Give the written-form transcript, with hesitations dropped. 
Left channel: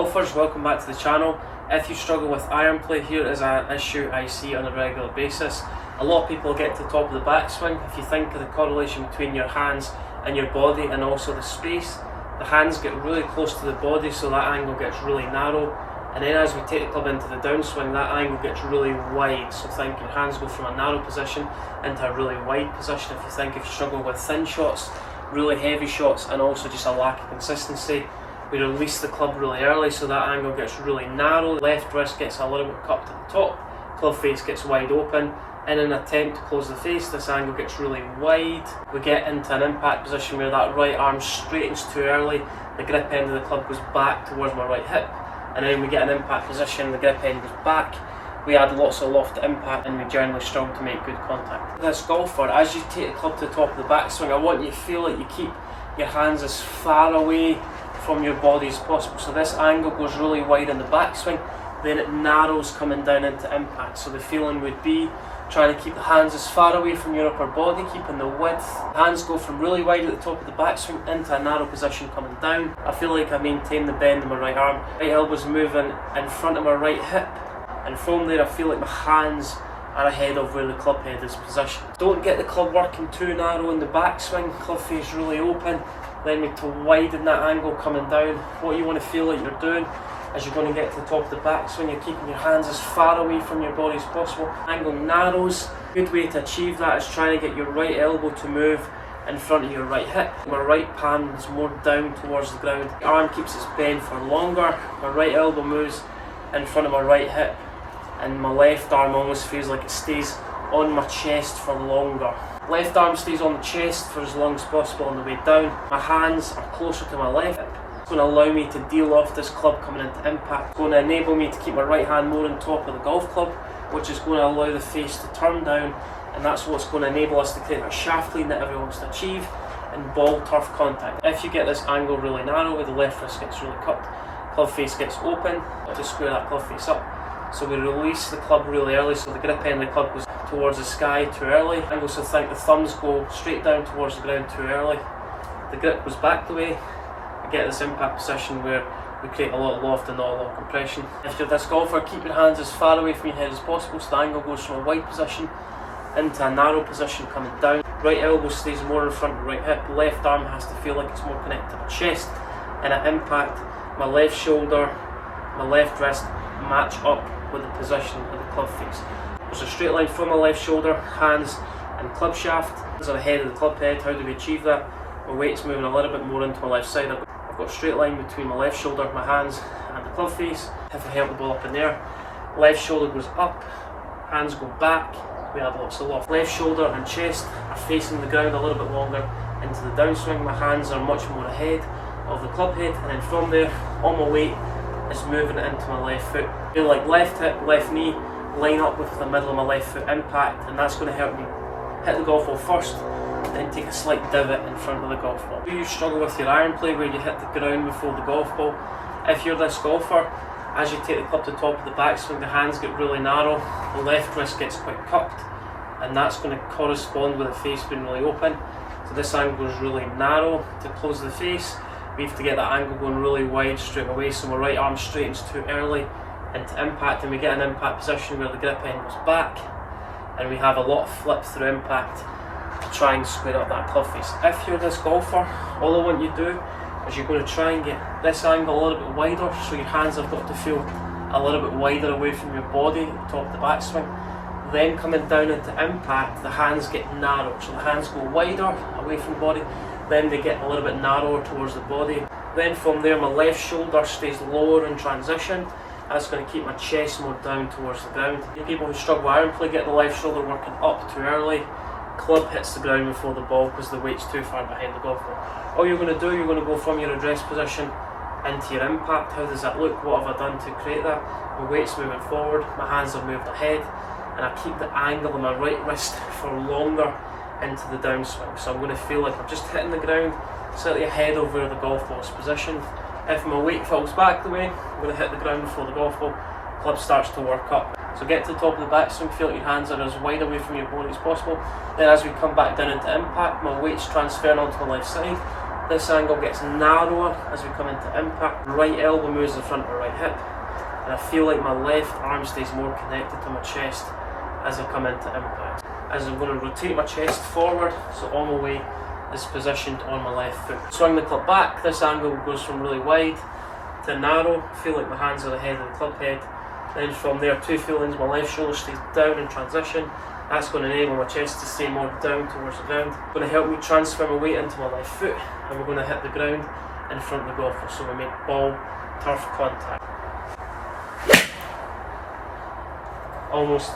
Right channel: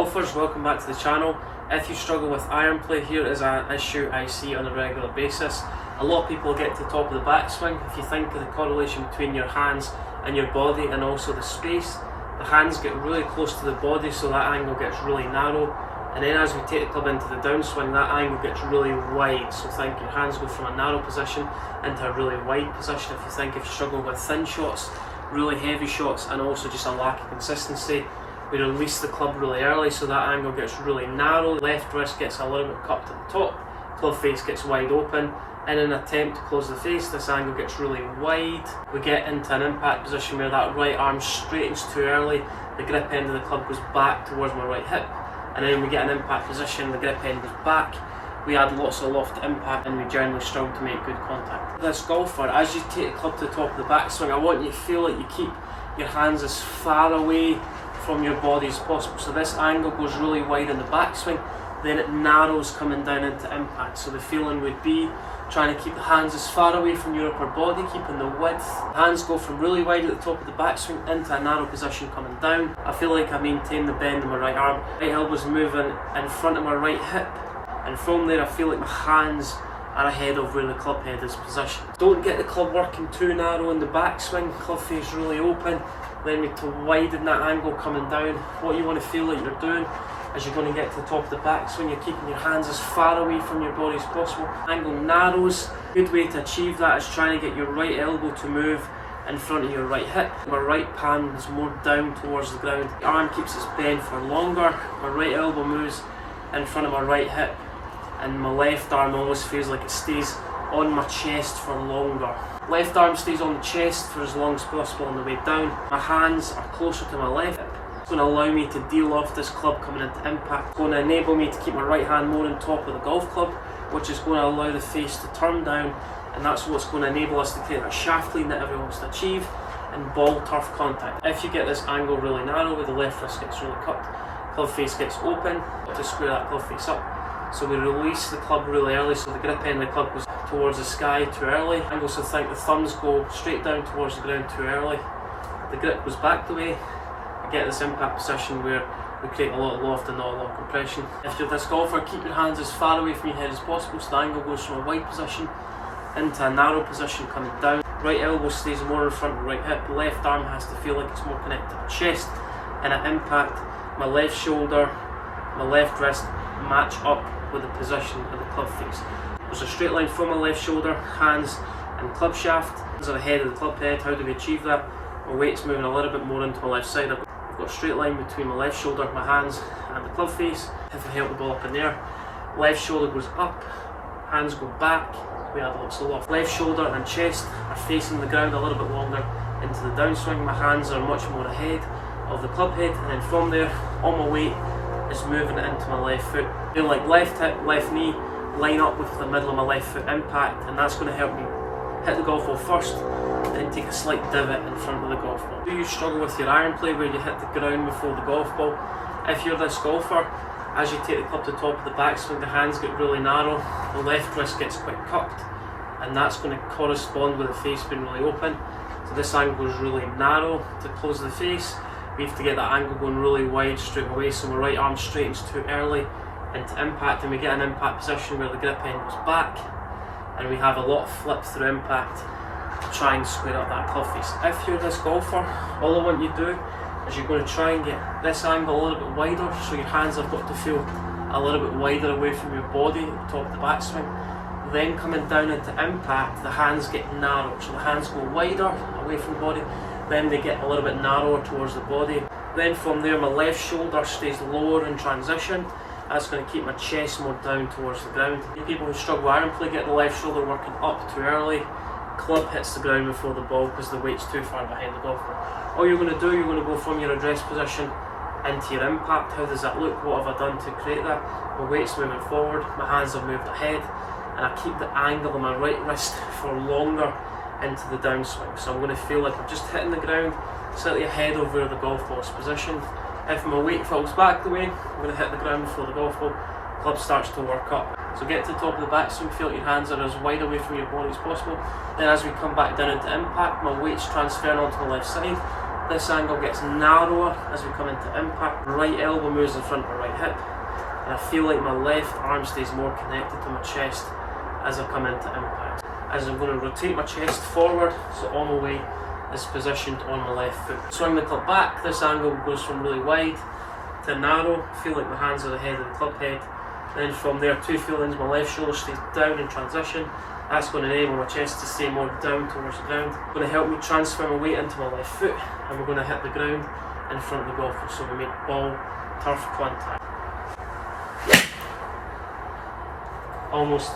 Golfers, welcome back to the channel. If you struggle with iron play, here is an issue I see on a regular basis. A lot of people get to the top of the backswing. If you think of the correlation between your hands and your body and also the space, the hands get really close to the body, so that angle gets really narrow. And then as we take the club into the downswing, that angle gets really wide. So think your hands go from a narrow position into a really wide position. If you struggle with thin shots, really heavy shots, and also just a lack of consistency, we release the club really early, so that angle gets really narrow. Left wrist gets a little bit cupped at the top, club face gets wide open. In an attempt to close the face, this angle gets really wide. We get into an impact position where that right arm straightens too early, the grip end of the club goes back towards my right hip, and then we get an impact position, the grip end goes back. We add lots of loft to impact, and we generally struggle to make good contact. This golfer, as you take the club to the top of the backswing, I want you to feel like you keep your hands as far away from your body as possible. So this angle goes really wide in the backswing, then it narrows coming down into impact. So the feeling would be trying to keep the hands as far away from your upper body, keeping the width. Hands go from really wide at the top of the backswing into a narrow position coming down. I feel like I maintain the bend in my right arm. Right elbow's moving in front of my right hip, and from there I feel like my hands are ahead of where the club head is positioned. Don't get the club working too narrow in the backswing, club face really open. Then need to widen that angle coming down. What you want to feel like you're doing as you're going to get to the top of the backswing, you're keeping your hands as far away from your body as possible. Angle narrows. Good way to achieve that is trying to get your right elbow to move in front of your right hip. My right palm is more down towards the ground. The arm keeps its bend for longer. My right elbow moves in front of my right hip, and my left arm almost feels like it stays on my chest for longer. Left arm stays on the chest for as long as possible on the way down. My hands are closer to my left hip. It's going to allow me to deal off this club coming into impact. It's going to enable me to keep my right hand more on top of the golf club, which is going to allow the face to turn down, and that's what's going to enable us to create that shaft lean that everyone wants to achieve and ball turf contact. If you get this angle really narrow, where the left wrist gets really cupped, club face gets open, to square that club face up. So we release the club really early, so the grip end of the club goes towards the sky too early. I also think the thumbs go straight down towards the ground too early. The grip goes back the way. We get this impact position where we create a lot of loft and not a lot of compression. If you're this golfer, keep your hands as far away from your head as possible, so the angle goes from a wide position into a narrow position coming down. Right elbow stays more in front of the right hip. Left arm has to feel like it's more connected to my chest. And at impact, my left shoulder, my left wrist match up with the position of the club face. There's a straight line from my left shoulder, hands and club shaft. These are ahead of the club head. How do we achieve that? My weight's moving a little bit more into my left side. I've got a straight line between my left shoulder, my hands and the club face. If I help the ball up in there, left shoulder goes up, hands go back, we add lots of loft. Left shoulder and chest are facing the ground a little bit longer into the downswing. My hands are much more ahead of the club head, and then from there, all my weight is moving it into my left foot. Feel like left hip, left knee line up with the middle of my left foot impact, and that's going to help me hit the golf ball first, then take a slight divot in front of the golf ball. Do you struggle with your iron play where you hit the ground before the golf ball? If you're this golfer, as you take the club to the top of the backswing, the hands get really narrow, the left wrist gets quite cupped, and that's going to correspond with the face being really open. So this angle is really narrow to close the face. We have to get that angle going really wide straight away, so my right arm straightens too early into impact, and we get an impact position where the grip end goes back, and we have a lot of flip through impact to try and square up that club face. If you're this golfer, all I want you to do is you're going to try and get this angle a little bit wider, so your hands have got to feel a little bit wider away from your body at the top of the backswing. Then coming down into impact, the hands get narrowed, so the hands go wider away from the body, then they get a little bit narrower towards the body. Then from there, my left shoulder stays lower in transition. That's going to keep my chest more down towards the ground. You people who struggle with iron play get the left shoulder working up too early. Club hits the ground before the ball because the weight's too far behind the golf ball. All you're going to do, you're going to go from your address position into your impact. How does that look? What have I done to create that? My weight's moving forward, my hands have moved ahead, and I keep the angle of my right wrist for longer into the downswing. So I'm going to feel like I'm just hitting the ground slightly ahead of where the golf ball is positioned. If my weight falls back the way, I'm going to hit the ground before the golf ball. Club starts to work up. So get to the top of the backswing, feel like your hands are as wide away from your body as possible. Then as we come back down into impact, my weight's transferring onto the left side. This angle gets narrower as we come into impact. Right elbow moves in front of right hip. And I feel like my left arm stays more connected to my chest as I come into impact. As I'm going to rotate my chest forward, so all my weight is positioned on my left foot. Swing the club back. This angle goes from really wide to narrow. Feel like my hands are the head of the club head. Then from there, 2 feelings, my left shoulder stays down in transition. That's going to enable my chest to stay more down towards the ground. It's going to help me transfer my weight into my left foot, and we're going to hit the ground in front of the golfer. So we make ball turf contact. Almost